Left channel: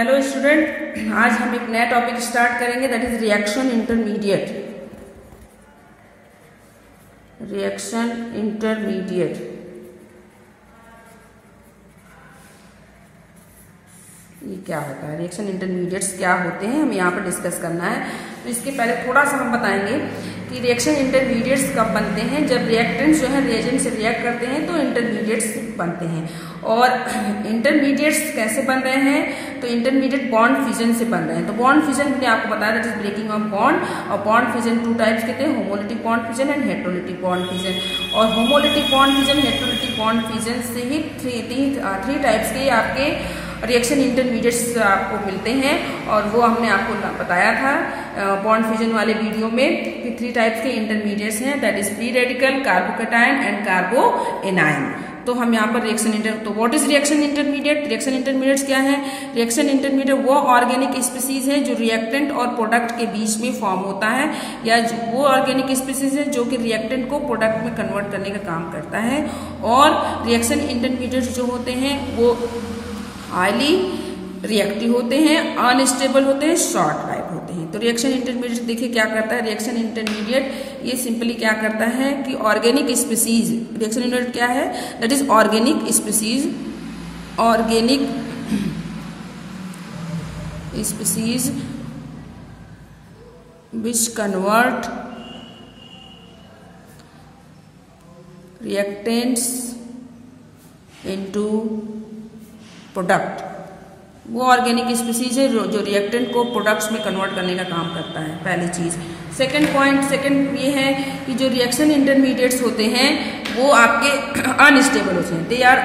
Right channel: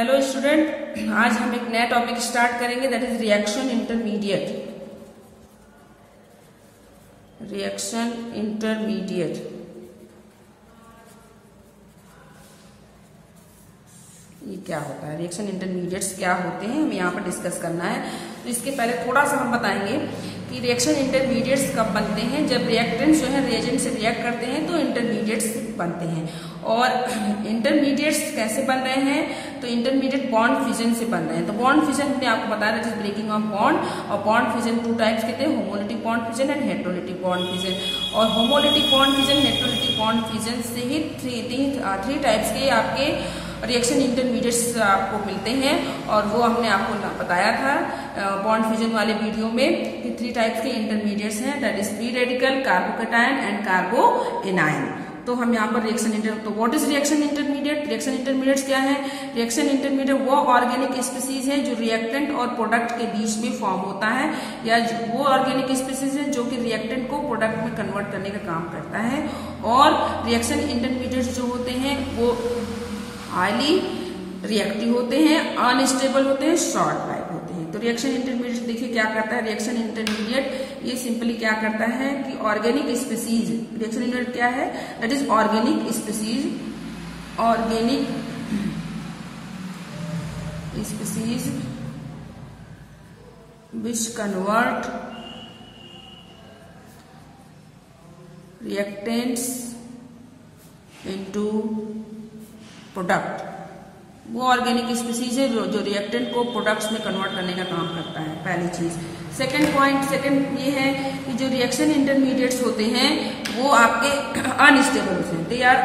Hello student, आज हम एक नया टॉपिक स्टार्ट करेंगे, that is reaction intermediate. Reaction intermediate ये क्या होता है, रिएक्शन इंटरमीडिएट्स क्या होते हैं, हमें यहाँ पर डिस्कस करना है। तो इसके पहले थोड़ा सा हम बताएंगे कि रिएक्शन इंटरमीडिएट्स कब बनते हैं। जब रिएक्टेंट्स जो है रिएजेंट से रिएक्ट करते हैं तो इंटरमीडिएट्स बनते हैं। और इंटरमीडिएट्स कैसे बन रहे हैं, तो इंटरमीडिएट बॉन्ड फिजन से बन रहे हैं। तो बॉन्ड फिजन हमने आपको बताया that is breaking of bond. और बॉन्ड फिजन टू टाइप्स के थे, homolytic bond fission and heterolytic bond fission. और homolytic bond fission, heterolytic bond fission से ही थ्री टाइप्स के आपके रिएक्शन इंटरमीडिएट्स आपको मिलते हैं। और वो हमने आपको बताया था बॉन्ड फिजन वाले वीडियो में कि थ्री टाइप्स के इंटरमीडिएट्स हैं, that is free radical, carbocation and कार्बोएनायन। तो हम यहाँ पर तो what is reaction intermediate? Reaction intermediates क्या है? रिएक्शन इंटरमीडिएट वो ऑर्गेनिक स्पीसीज है जो रिएक्टेंट और प्रोडक्ट के बीच में फॉर्म होता है, या वो ऑर्गेनिक स्पीसीज है जो कि रिएक्टेंट को प्रोडक्ट में कन्वर्ट करने का काम करता है। और रिएक्शन इंटरमीडिएट्स जो होते हैं वो हाईली रिएक्टिव होते हैं, अनस्टेबल होते हैं, शॉर्ट लाइफ होते हैं। तो रिएक्शन इंटरमीडिएट देखिए क्या करता है। रिएक्शन इंटरमीडिएट ये सिंपली क्या करता है कि ऑर्गेनिक स्पीसीज, रिएक्शन इंटरमीडिएट क्या है, that is organic species, organic species which convert reactants into product. वो ऑर्गेनिक स्पीसीज है जो रिएक्टेंट को प्रोडक्ट्स में कन्वर्ट करने का काम करता है, पहली चीज। सेकंड ये है कि जो रिएक्शन इंटरमीडिएट्स होते हैं वो आपके अनस्टेबल होते हैं, दे आर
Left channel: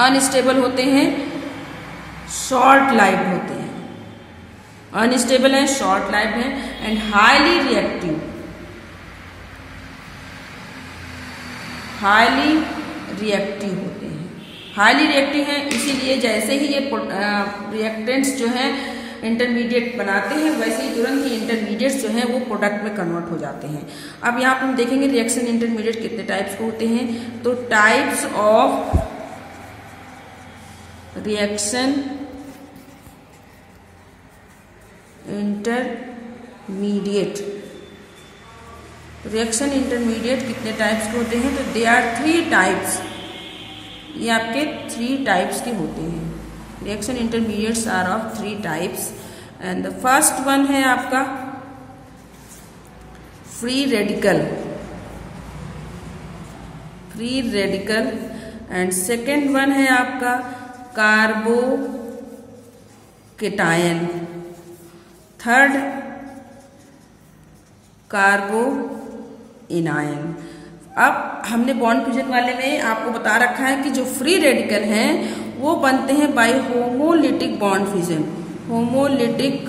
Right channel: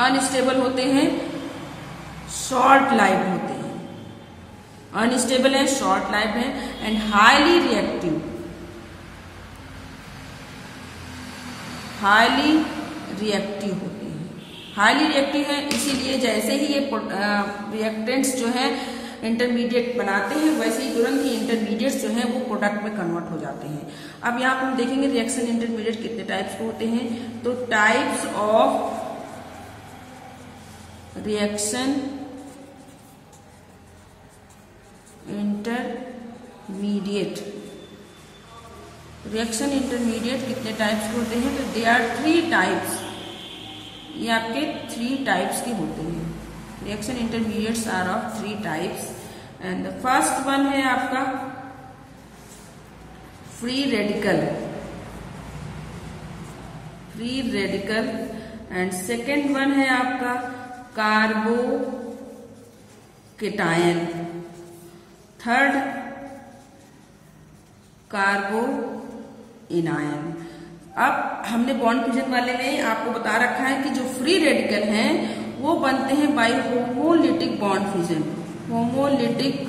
अनस्टेबल होते हैं, शॉर्ट लाइफ होते हैं, अनस्टेबल है, शॉर्ट लाइफ है, and highly reactive, highly reactive होते हैं। हाईली रिएक्टिव है, इसीलिए जैसे ही ये रिएक्टेंट्स जो है इंटरमीडिएट बनाते हैं वैसे ही तुरंत ही इंटरमीडिएट्स जो है वो प्रोडक्ट में कन्वर्ट हो जाते हैं। अब यहाँ पर हम देखेंगे रिएक्शन इंटरमीडिएट कितने टाइप्स के होते हैं। तो types of reaction intermediate, reaction intermediate कितने टाइप्स के होते हैं, तो दे आर थ्री टाइप्स, ये आपके थ्री टाइप्स के होते हैं। Reaction intermediates are of three types and the first one है आपका free radical, and second one है आपका कार्बोकैटायन, थर्ड कार्बोएनायन। अब हमने बॉन्ड फिजन वाले में आपको बता रखा है कि जो फ्री रेडिकल हैं वो बनते हैं by homolytic bond fission, homolytic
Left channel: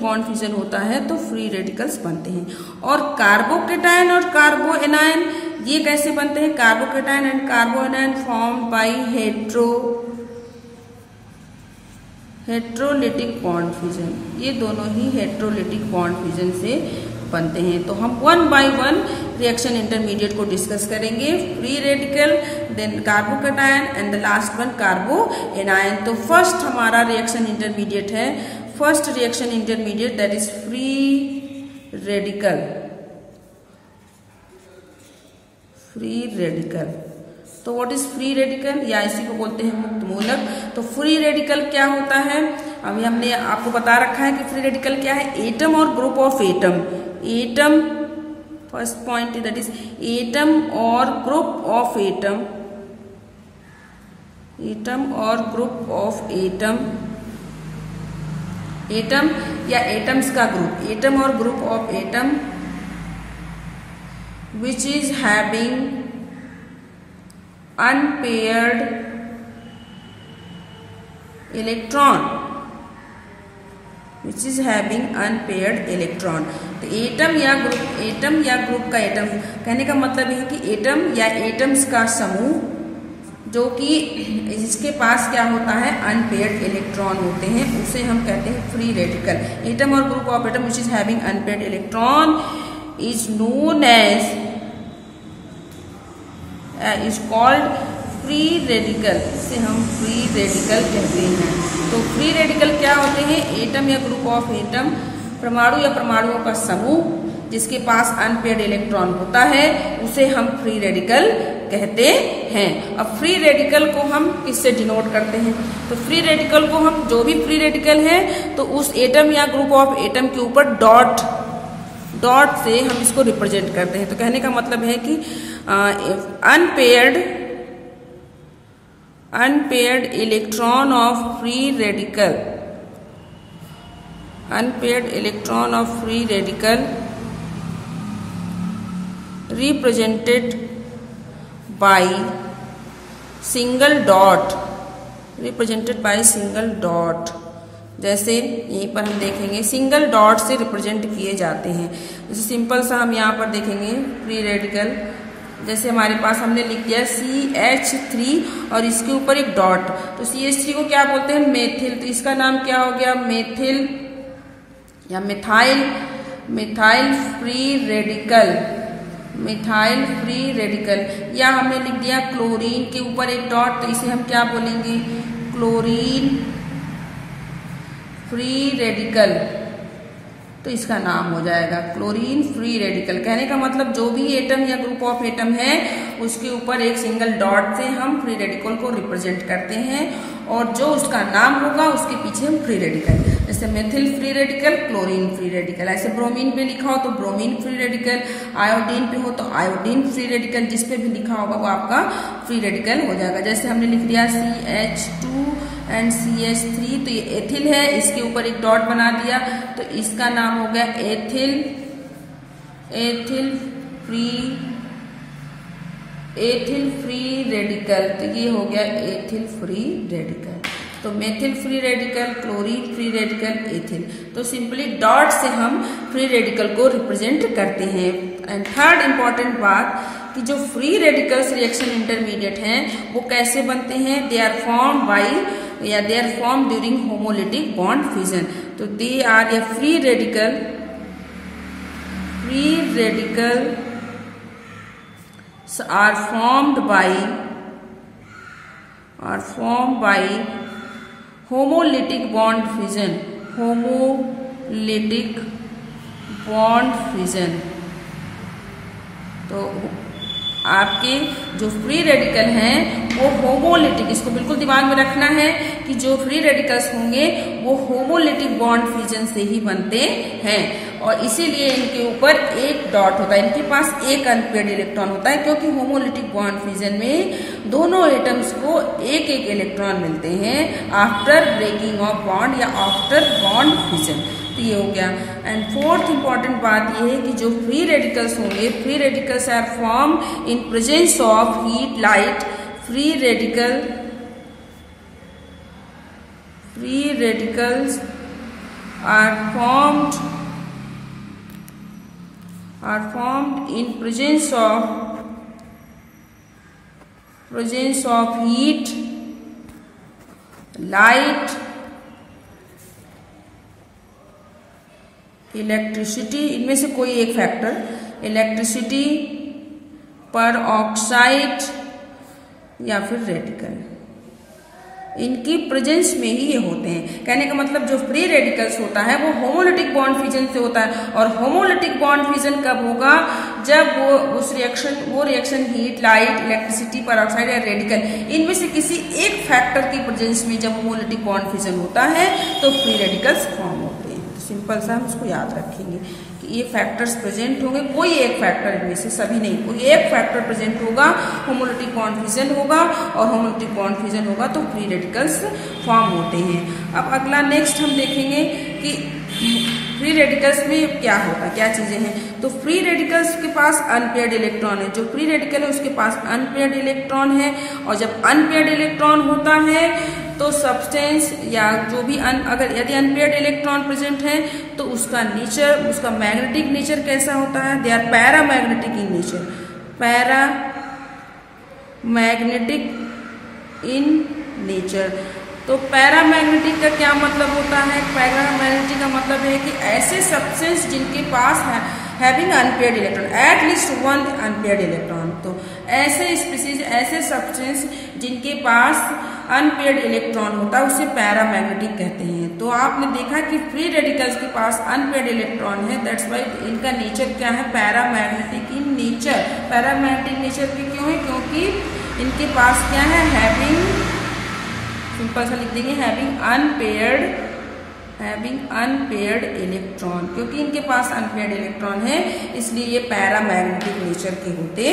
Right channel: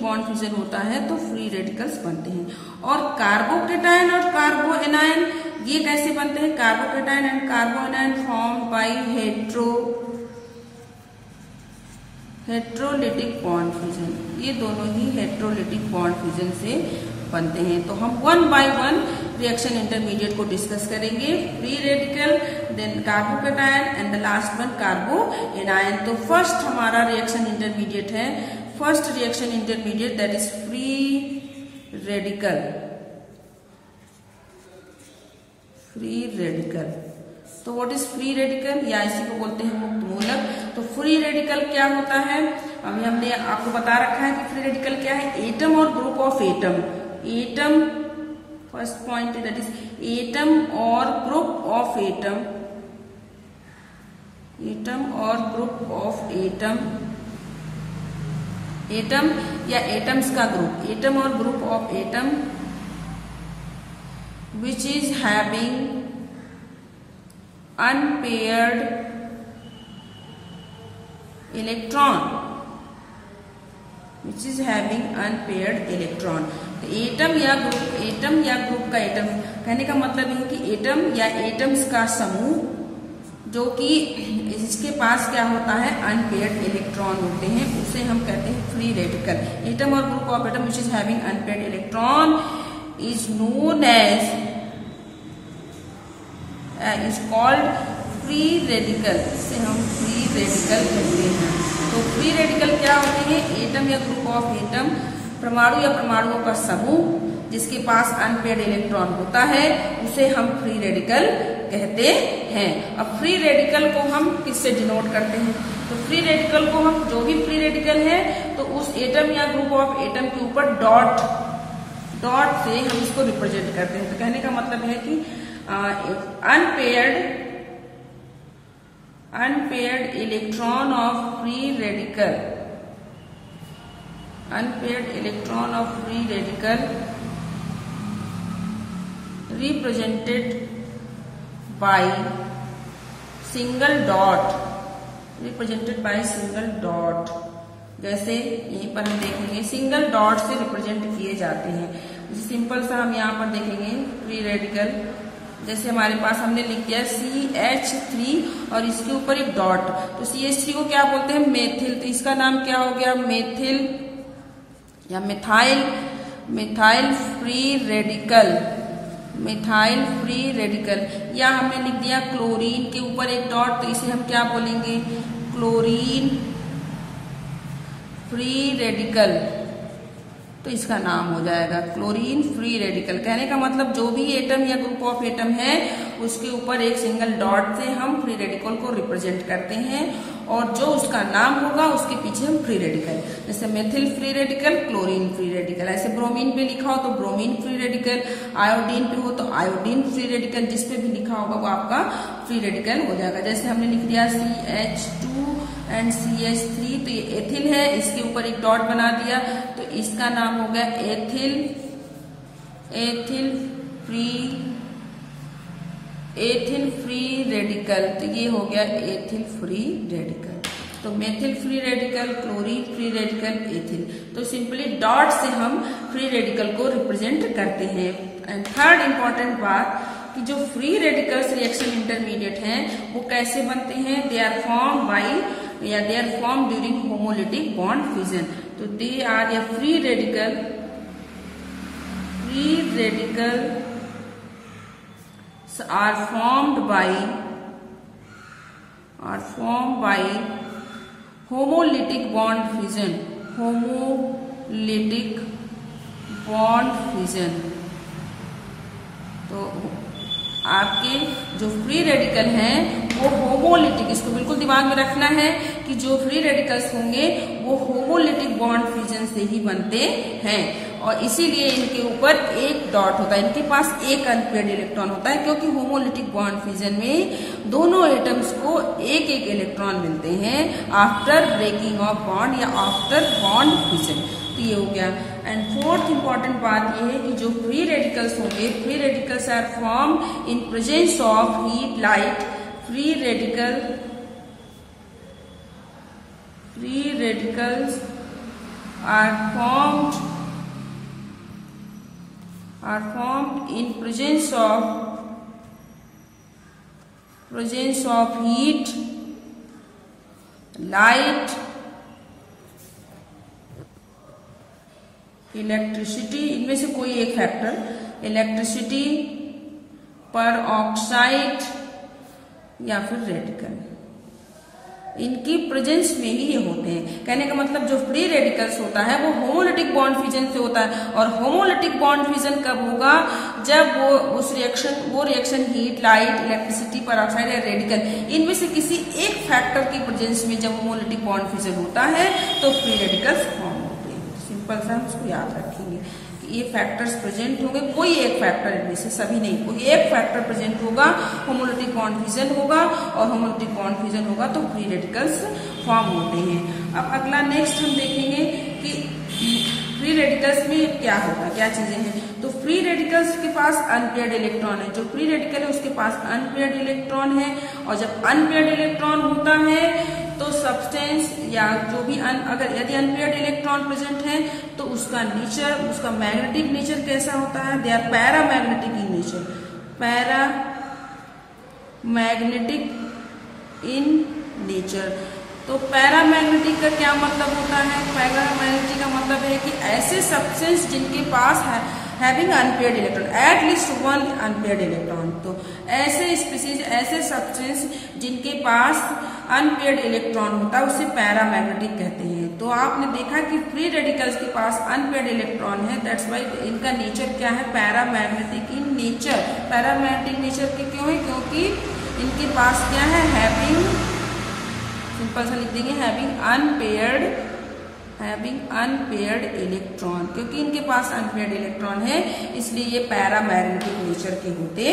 bond fission होता है तो फ्री रेडिकल्स बनते हैं। और कार्बोकैटायन और कार्बोएनायन ये कैसे बनते हैं? Carbocation and कार्बोएनायन form by heterolytic bond fission, ये दोनों ही हेट्रोलिटिक बॉन्ड फिजन से बनते हैं। तो हम one by one reaction intermediate को डिस्कस करेंगे, free radical, then carbocation and the last one carbanion. तो फर्स्ट हमारा रिएक्शन इंटरमीडिएट है, first reaction intermediate that is free radical. तो व्हाट इज फ्री रेडिकल, या इसी को बोलते हैं मुक्त मूलक। तो फ्री रेडिकल क्या होता है, अभी हमने आपको बता रखा है कि फ्री रेडिकल क्या है, एटम और group of atom, first point that is atom और ग्रुप ऑफ एटम, एटम या एटम्स का ग्रुप, एटम और group of atom which is having unpaired electron, which is having unpaired electron। तो atom या group का atom कहने का मतलब है कि एटम या एटम्स का समूह जो कि इसके पास क्या होता है, अनपेयर्ड इलेक्ट्रॉन होते हैं, उसे हम कहते हैं फ्री रेडिकल। एटम और group of atom which is having unpaired electron is known as is called free radical, इसे हम फ्री रेडिकल कहते हैं। तो फ्री रेडिकल क्या होते हैं? एटम या ग्रुप ऑफ एटम, परमाणु या परमाणुओं का समूह जिसके पास अनपेयर्ड इलेक्ट्रॉन होता है, उसे हम फ्री रेडिकल कहते हैं। अब फ्री रेडिकल को हम किससे डिनोट करते हैं? तो फ्री रेडिकल को हम, जो भी फ्री रेडिकल है तो उस एटम या ग्रुप ऑफ एटम के ऊपर डॉट से हम इसको रिप्रेजेंट करते हैं। तो कहने का मतलब है कि unpaired electron of free radical, unpaired electron of free radical represented by single dot, represented by single dot। जैसे यहीं पर हम देखेंगे सिंगल डॉट से रिप्रेजेंट किए जाते हैं। जैसे सिंपल सा हम यहाँ पर देखेंगे फ्री रेडिकल, जैसे हमारे पास हमने लिख दिया CH3 और इसके ऊपर एक डॉट, तो CH3 को क्या बोलते हैं? मेथिल। तो इसका नाम क्या हो गया? मेथिल या methyl free radical, methyl free radical. या हमने लिख दिया क्लोरीन के ऊपर एक डॉट, तो इसे हम क्या बोलेंगे? Chlorine free radical. तो इसका नाम हो जाएगा क्लोरीन फ्री रेडिकल। कहने का मतलब जो भी एटम या ग्रुप ऑफ एटम है उसके ऊपर एक सिंगल डॉट से हम फ्री रेडिकल को रिप्रेजेंट करते हैं, और जो उसका नाम होगा उसके पीछे हम फ्री रेडिकल, जैसे methyl free radical, chlorine free radical. ऐसे ब्रोमीन पे लिखा हो तो ब्रोमीन फ्री रेडिकल, आयोडीन पे हो तो आयोडीन फ्री रेडिकल, जिस पे भी लिखा होगा वो आपका फ्री रेडिकल हो जाएगा। जैसे हमने लिख दिया CH2 एंड CH3, तो ये एथिल है, इसके ऊपर एक डॉट बना दिया तो इसका नाम हो गया एथिल फ्री रेडिकल। तो ये हो गया एथिल फ्री रेडिकल। तो methyl free radical, chlorine free radical, ethyl. तो सिंपली डॉट से हम फ्री रेडिकल को रिप्रेजेंट करते हैं। एंड थर्ड इंपॉर्टेंट बात कि जो फ्री रेडिकल्स रिएक्शन इंटरमीडिएट हैं वो कैसे बनते हैं? दे आर फॉर्म बाई या they are form during homolytic bond fusion. तो दे आर या free radical are formed by homolytic bond fusion, homolytic bond fusion। तो आपके जो फ्री रेडिकल हैं वो होमोलिटिक, इसको बिल्कुल दिमाग में रखना है कि जो फ्री रेडिकल्स होंगे वो होमोलिटिक बॉन्ड फ्यूजन से ही बनते हैं, और इसीलिए इनके ऊपर एक डॉट होता है, इनके पास एक अनपेयर्ड इलेक्ट्रॉन होता है, क्योंकि होमोलिटिक बॉन्ड फ्यूजन में दोनों एटम्स को एक एक इलेक्ट्रॉन मिलते हैं आफ्टर ब्रेकिंग ऑफ बॉन्ड या आफ्टर बॉन्ड फ्यूजन। तो ये हो गया। एंड फोर्थ इंपॉर्टेंट बात ये है कि जो फ्री रेडिकल्स होंगे, free radicals are form in presence of heat light. Free radicals are formed in presence of heat, light, electricity, इनमें से कोई एक फैक्टर, इलेक्ट्रिसिटी, पर ऑक्साइड या फिर रेडिकल, इनकी प्रेजेंस में ही ये होते हैं। कहने का मतलब जो फ्री रेडिकल्स होता है वो होमोलिटिक बॉन्ड फ्यूजन से होता है, और होमोलिटिक बॉन्ड फ्यूजन कब होगा? जब वो reaction heat, light, electricity, peroxide या रेडिकल, इनमें से किसी एक फैक्टर की प्रेजेंस में जब होमोलिटिक बॉन्ड फ्यूजन होता है तो फ्री रेडिकल्स फॉर्म होते हैं। तो सिंपल सा हम इसको याद रखेंगे कि ये फैक्टर्स प्रेजेंट होंगे, कोई एक फैक्टर, इनमें से सभी नहीं, कोई एक फैक्टर प्रेजेंट होगा, होमोलिटिक बॉन्ड फ्यूजन होगा, और होमोलिटिक बॉन्ड फ्यूजन होगा तो फ्री रेडिकल्स फॉर्म होते हैं। अब अगला नेक्स्ट हम देखेंगे कि फ्री रेडिकल्स में क्या होता है, क्या चीजें हैं। तो फ्री रेडिकल्स के पास अनपेयर्ड इलेक्ट्रॉन है, जो फ्री रेडिकल है उसके पास अनपेयर्ड इलेक्ट्रॉन है, और जब अनपेयर्ड इलेक्ट्रॉन होता है तो सब्सटेंस या जो भी अगर यदि अनपेयर्ड इलेक्ट्रॉन प्रेजेंट है तो उसका नेचर, उसका मैग्नेटिक नेचर कैसा होता है? They are paramagnetic in nature, paramagnetic in nature. तो पैरामैग्नेटिक का क्या मतलब होता है? पैरामैग्नेटिक का मतलब है कि ऐसे सब्सटेंस जिनके पास है having unpaired electron, at least one unpaired electron. तो ऐसे स्पीसीज, ऐसे सब्सटेंस जिनके पास अनपेयर्ड इलेक्ट्रॉन होता है उसे पैरामैग्नेटिक कहते हैं। तो आपने देखा कि फ्री रेडिकल्स के पास अनपेयर्ड इलेक्ट्रॉन है, दैट्स वाई इनका नेचर क्या है, paramagnetic in nature. Paramagnetic nature के क्यों है, क्योंकि इनके पास क्या है, हैविंग, सिंपल सा लिख देंगे, हैविंग अनपेयर्ड इलेक्ट्रॉन। क्योंकि इनके पास अनपेयर्ड इलेक्ट्रॉन है इसलिए ये पैरामैग्नेटिक नेचर के होते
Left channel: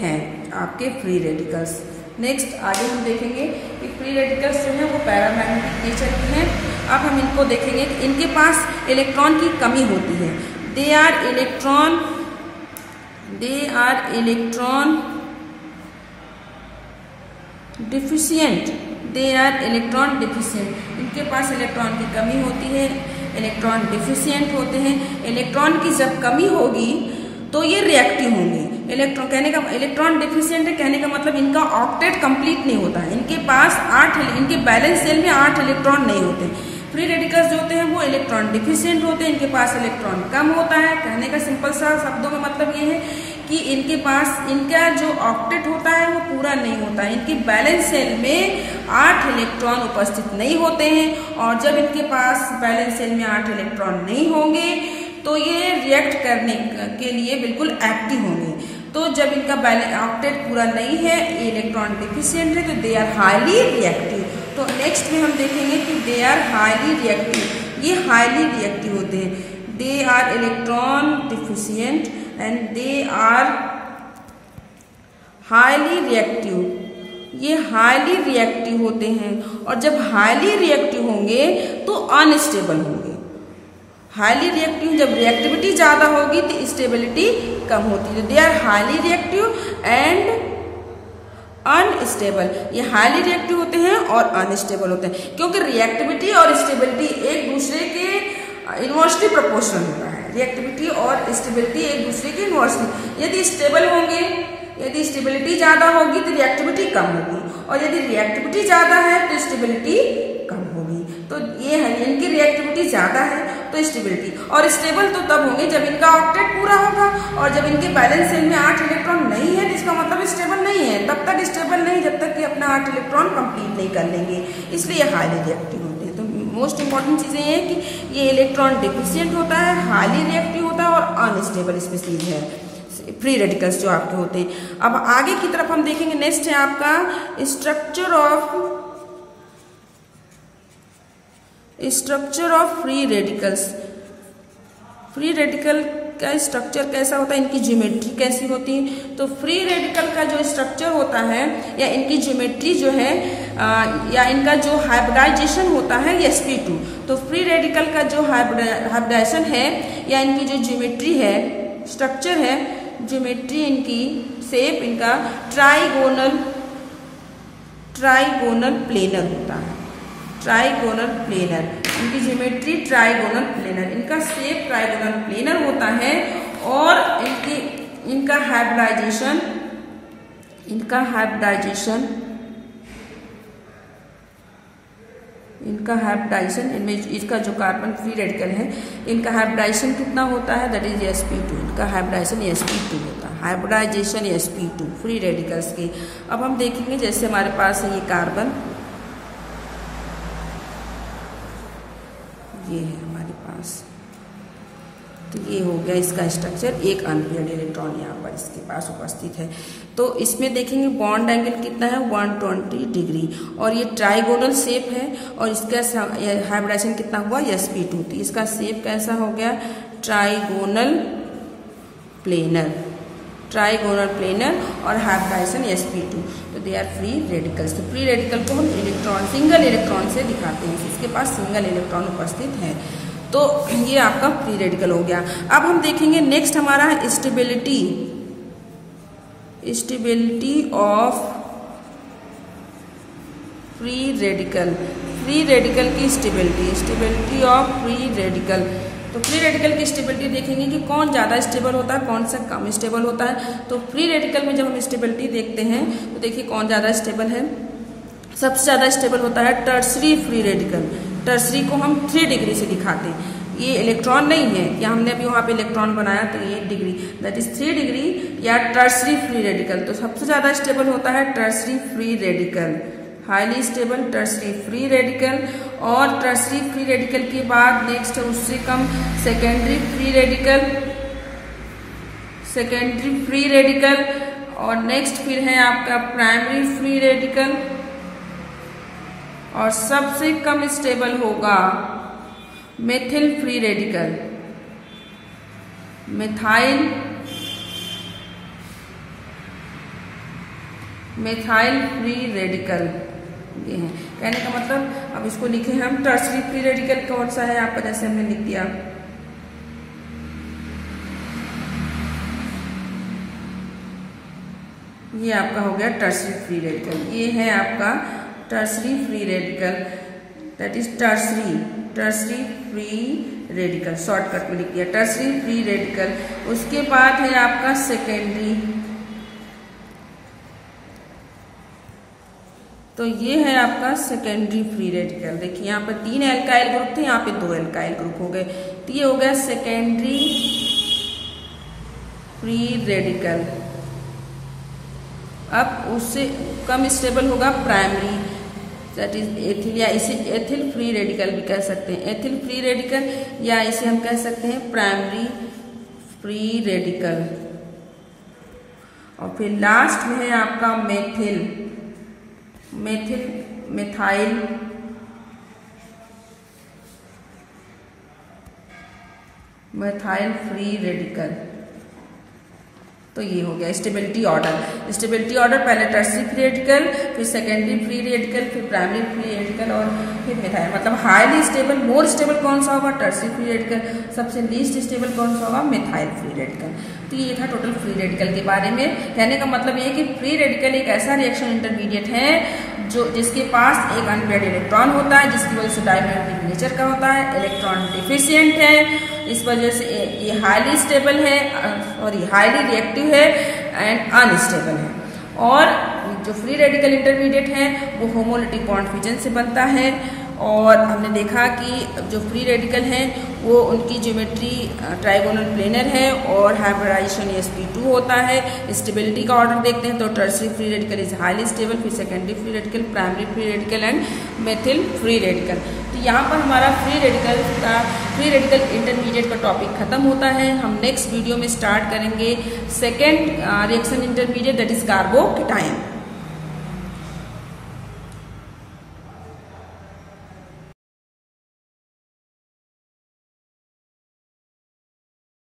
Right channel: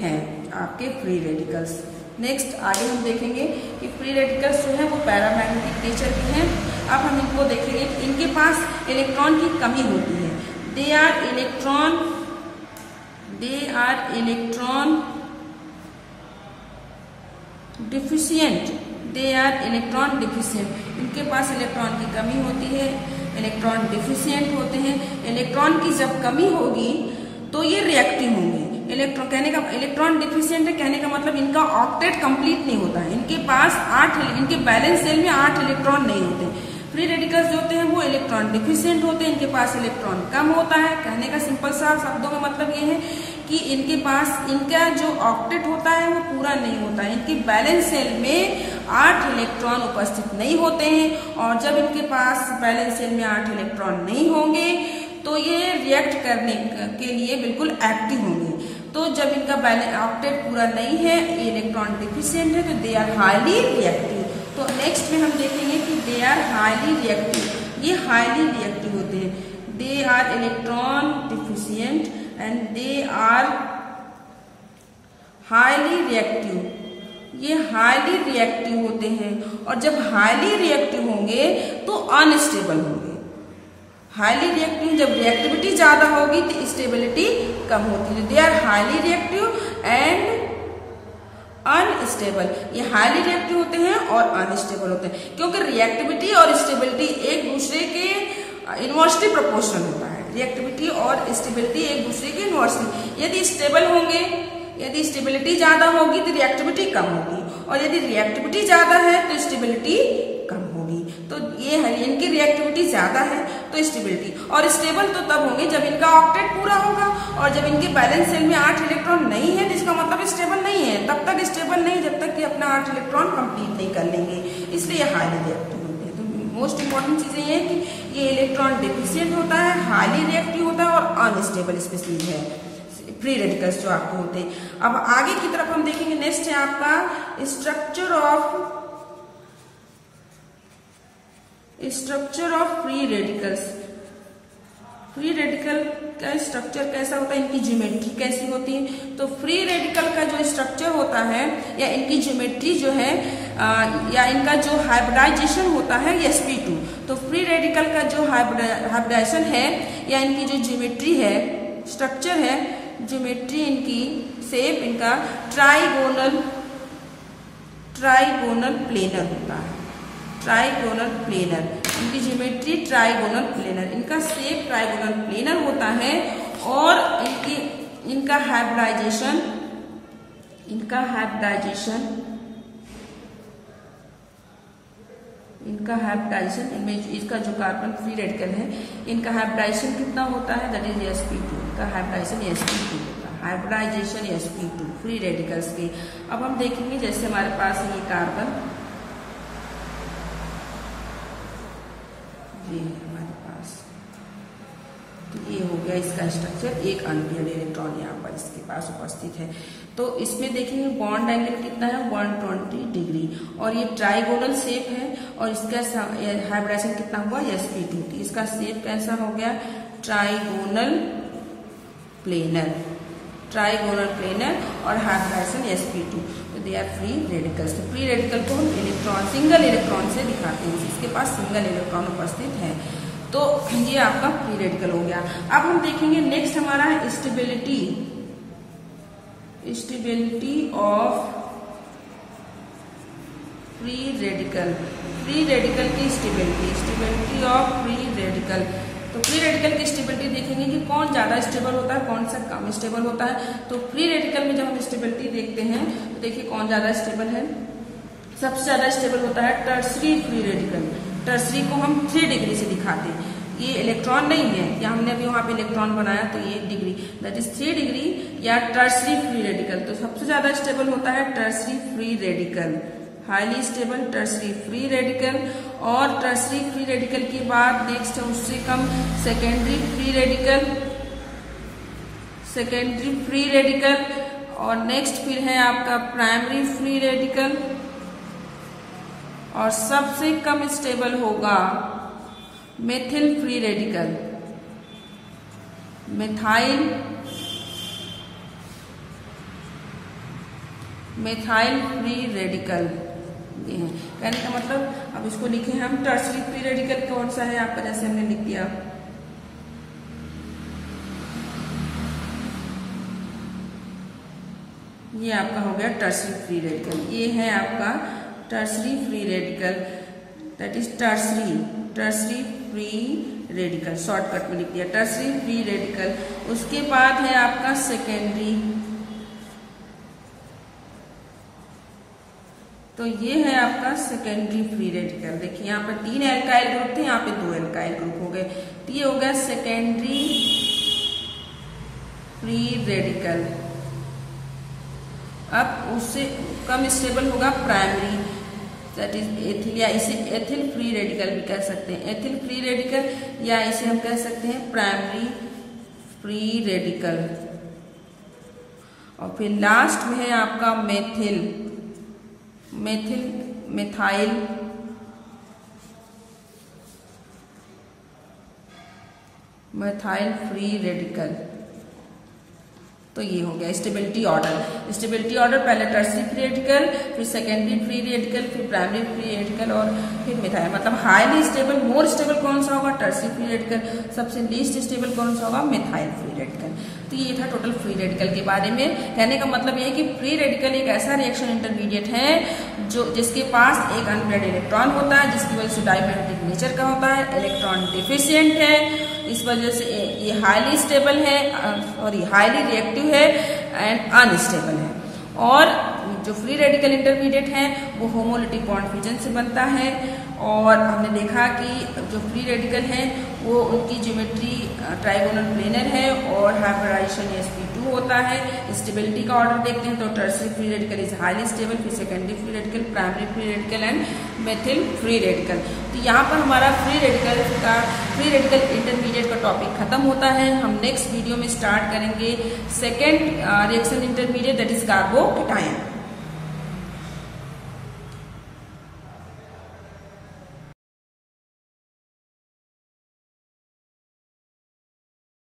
हैं आपके फ्री रेडिकल्स। नेक्स्ट आगे हम देखेंगे कि फ्री रेडिकल्स जो है वो पैरामैग्नेटिक नेचर के हैं। अब हम इनको देखेंगे कि इनके पास इलेक्ट्रॉन की कमी होती है। They are electron deficient, they are electron deficient. इनके पास इलेक्ट्रॉन की कमी होती है, इलेक्ट्रॉन डिफिशियंट होते हैं। इलेक्ट्रॉन की जब कमी होगी तो ये रिएक्टिव होंगे। इलेक्ट्रॉन डिफिशियंट है कहने का मतलब इनका ऑक्टेट कंप्लीट नहीं होता है। इनके पास इनके बैलेंस शेल में 8 इलेक्ट्रॉन नहीं होते। फ्री रेडिकल्स जो होते हैं वो इलेक्ट्रॉन डिफिशियंट होते हैं, इनके पास इलेक्ट्रॉन कम होता है। कहने का सिंपल सा शब्दों का मतलब ये है कि इनके पास इनका जो ऑक्टेट होता है वो पूरा नहीं होता है। इनके बैलेंस शेल में 8 इलेक्ट्रॉन उपस्थित नहीं होते हैं, और जब इनके पास बैलेंस शेल में 8 इलेक्ट्रॉन नहीं होंगे तो ये रिएक्ट करने के लिए बिल्कुल एक्टिव होंगे। तो जब इनका ऑक्टेट पूरा नहीं है, इलेक्ट्रॉन डिफिशियंट है, तो दे आर हाईली रिएक्टिव। तो नेक्स्ट में हम देखेंगे कि दे आर हाईली रिएक्टिव। ये हाईली रिएक्टिव होते हैं। They are electron deficient and they are highly reactive. ये हाईली रिएक्टिव होते हैं, और जब हाईली रिएक्टिव होंगे तो अनस्टेबल होंगे। हाईली रिएक्टिव, जब रिएक्टिविटी ज्यादा होगी तो स्टेबिलिटी कम होती है। They are highly reactive and unstable. ये हाईली रिएक्टिव होते हैं और अनस्टेबल होते हैं, क्योंकि रिएक्टिविटी और स्टेबिलिटी एक दूसरे के इनवर्सली प्रोपोर्शनल होता है। रिएक्टिविटी और स्टेबिलिटी एक दूसरे के इनवर्सली। यदि स्टेबल होंगे, यदि स्टेबिलिटी ज्यादा होगी तो रिएक्टिविटी कम होगी, और यदि रिएक्टिविटी ज्यादा है तो स्टेबिलिटी कम होगी। तो ये है, इनकी रिएक्टिविटी ज्यादा है तो स्टेबिलिटी, और स्टेबल तो तब होंगे जब इनका ऑक्टेट पूरा होगा, और जब इनके बैलेंस शेल में 8 इलेक्ट्रॉन नहीं है तो इसका मतलब स्टेबल नहीं है। तब तक स्टेबल नहीं जब तक कि अपना 8 इलेक्ट्रॉन कंप्लीट नहीं कर लेंगे, इसलिए हाईली रिएक्टिव होते हैं। तो मोस्ट इंपॉर्टेंट चीजें ये है कि ये इलेक्ट्रॉन डिफिशियंट होता है, हाईली रिएक्टिव होता है और अनस्टेबल स्पीसीज है फ्री रेडिकल्स जो आपके होते हैं। अब आगे की तरफ हम देखेंगे, नेक्स्ट है आपका structure of free radicals. Free radical का स्ट्रक्चर कैसा होता है, इनकी ज्योमेट्री कैसी होती है। तो फ्री रेडिकल का जो स्ट्रक्चर होता है या इनकी ज्योमेट्री जो है या इनका जो हाइब्रिडाइजेशन होता है sp2। तो फ्री रेडिकल का जो हाइब्रिडाइजेशन है या इनकी जो ज्योमेट्री है, स्ट्रक्चर है, ज्योमेट्री इनकी शेप इनका ट्राइगोनल प्लेनर होता है। ट्राइगोनल प्लेनर, इनकी ज्योमेट्री ट्राइगोनल प्लेनर, इनका शेप ट्राइगोनल प्लेनर होता है, और इनका हाइब्रिडाइजेशन इनमें इसका जो कार्बन फ्री रेडिकल है इनका हाइब्रिडाइजेशन कितना होता है, दैट इज sp2। इनका हाइब्रिडाइजेशन sp2 होता है, हाइब्रिडाइजेशन sp2 फ्री रेडिकल्स की। अब हम देखेंगे जैसे हमारे पास है ये कार्बन, ये है हमारे पास, तो ये हो गया इसका स्ट्रक्चर। एक अनपेयर्ड इलेक्ट्रॉन यहाँ पर इसके पास उपस्थित है। तो इसमें देखेंगे बॉन्ड एंगल कितना है, 120 डिग्री, और ये ट्राइगोनल शेप है, और इसका हाइब्रिडाइजेशन कितना हुआ, sp2। तो इसका शेप कैसा हो गया, ट्राइगोनल प्लेनर, और हाइब्रिडाइजेशन sp2। तो दे आर फ्री रेडिकल्स। तो फ्री रेडिकल को हम सिंगल इलेक्ट्रॉन से दिखाते हैं, इसके पास सिंगल इलेक्ट्रॉन उपस्थित है। तो ये आपका फ्री रेडिकल हो गया। अब हम देखेंगे नेक्स्ट हमारा है stability of free radical. Free radical की स्टेबिलिटी ऑफ फ्री रेडिकल। तो फ्री रेडिकल की स्टेबिलिटी देखेंगे कि कौन ज्यादा स्टेबल होता है, कौन सा कम स्टेबल होता है। तो फ्री रेडिकल में जब हम स्टेबिलिटी देखते हैं तो देखिए कौन ज्यादा स्टेबल है। सबसे ज्यादा स्टेबल होता है टर्सरी फ्री रेडिकल। टर्सरी को हम 3 डिग्री से दिखाते हैं। ये इलेक्ट्रॉन नहीं है, या हमने अभी वहां पे इलेक्ट्रॉन बनाया तो ये डिग्री, दैट इज 3 डिग्री या टर्सरी फ्री रेडिकल। तो सबसे ज्यादा स्टेबल होता है tertiary free radical, highly stable tertiary free radical. और टर्सरी फ्री रेडिकल के बाद नेक्स्ट है उससे कम secondary free radical, secondary free radical. और नेक्स्ट फिर है आपका प्राइमरी फ्री रेडिकल। और सबसे कम स्टेबल होगा methyl free radical, methyl free radical. ये है कहने का मतलब, अब इसको लिखे हम टर्सरी फ्री रेडिकल कौन सा है आपका, जैसे हमने लिख दिया ये आपका हो गया टर्सरी फ्री रेडिकल। ये है आपका tertiary free radical, that is tertiary free radical, shortcut में लिख दिया टर्सरी फ्री रेडिकल। उसके बाद है आपका सेकेंडरी, तो ये है आपका सेकेंडरी फ्री रेडिकल। देखिए यहाँ पर 3 एल्काइल ग्रुप थे, यहाँ पे 2 एल्काइल ग्रुप हो गए, तो ये हो गया सेकेंडरी फ्री रेडिकल। अब उससे कम स्टेबल होगा प्राइमरी, दैट इज एथिल, या इसे एथिल फ्री रेडिकल भी कह सकते हैं, एथिल फ्री रेडिकल, या इसे हम कह सकते हैं प्राइमरी फ्री रेडिकल। और फिर लास्ट में है आपका मेथाइल फ्री रेडिकल। तो ये हो गया स्टेबिलिटी ऑर्डर। स्टेबिलिटी ऑर्डर पहले टर्सरी फ्री रेडिकल, फिर सेकेंडरी फ्री रेडिकल, फिर प्राइमरी फ्री रेडिकल और फिर मेथाइल। मतलब हाईली स्टेबल, मोर स्टेबल कौन सा होगा, टर्सरी फ्री रेडिकल। सबसे लीस्ट स्टेबल कौन सा होगा, मेथाइल फ्री रेडिकल। तो ये था टोटल फ्री रेडिकल के बारे में। कहने का मतलब ये कि फ्री रेडिकल एक ऐसा रिएक्शन इंटरमीडिएट है जो जिसके पास एक अनपेयर्ड इलेक्ट्रॉन होता है, जिसकी वजह से डायमैग्नेटिक नेचर का होता है, इलेक्ट्रॉन डिफिशियंट है, इस वजह से ये हाईली स्टेबल है और ये हाईली रिएक्टिव है एंड अनस्टेबल है। और जो फ्री रेडिकल इंटरमीडिएट है वो होमोलिटिक बॉन्ड फ्यूजन से बनता है। और हमने देखा कि जो फ्री रेडिकल है वो उनकी ज्योमेट्री ट्राइगोनल प्लेनर है और हाइब्रिडाइजेशन sp2 होता है। स्टेबिलिटी का ऑर्डर देखते हैं तो tertiary free radical is highly stable, फिर secondary free radical, primary free radical and methyl free radical. तो यहाँ पर हमारा फ्री रेडिकल इंटरमीडिएट का टॉपिक खत्म होता है। हम नेक्स्ट वीडियो में स्टार्ट करेंगे second reaction intermediate, that is carbocation.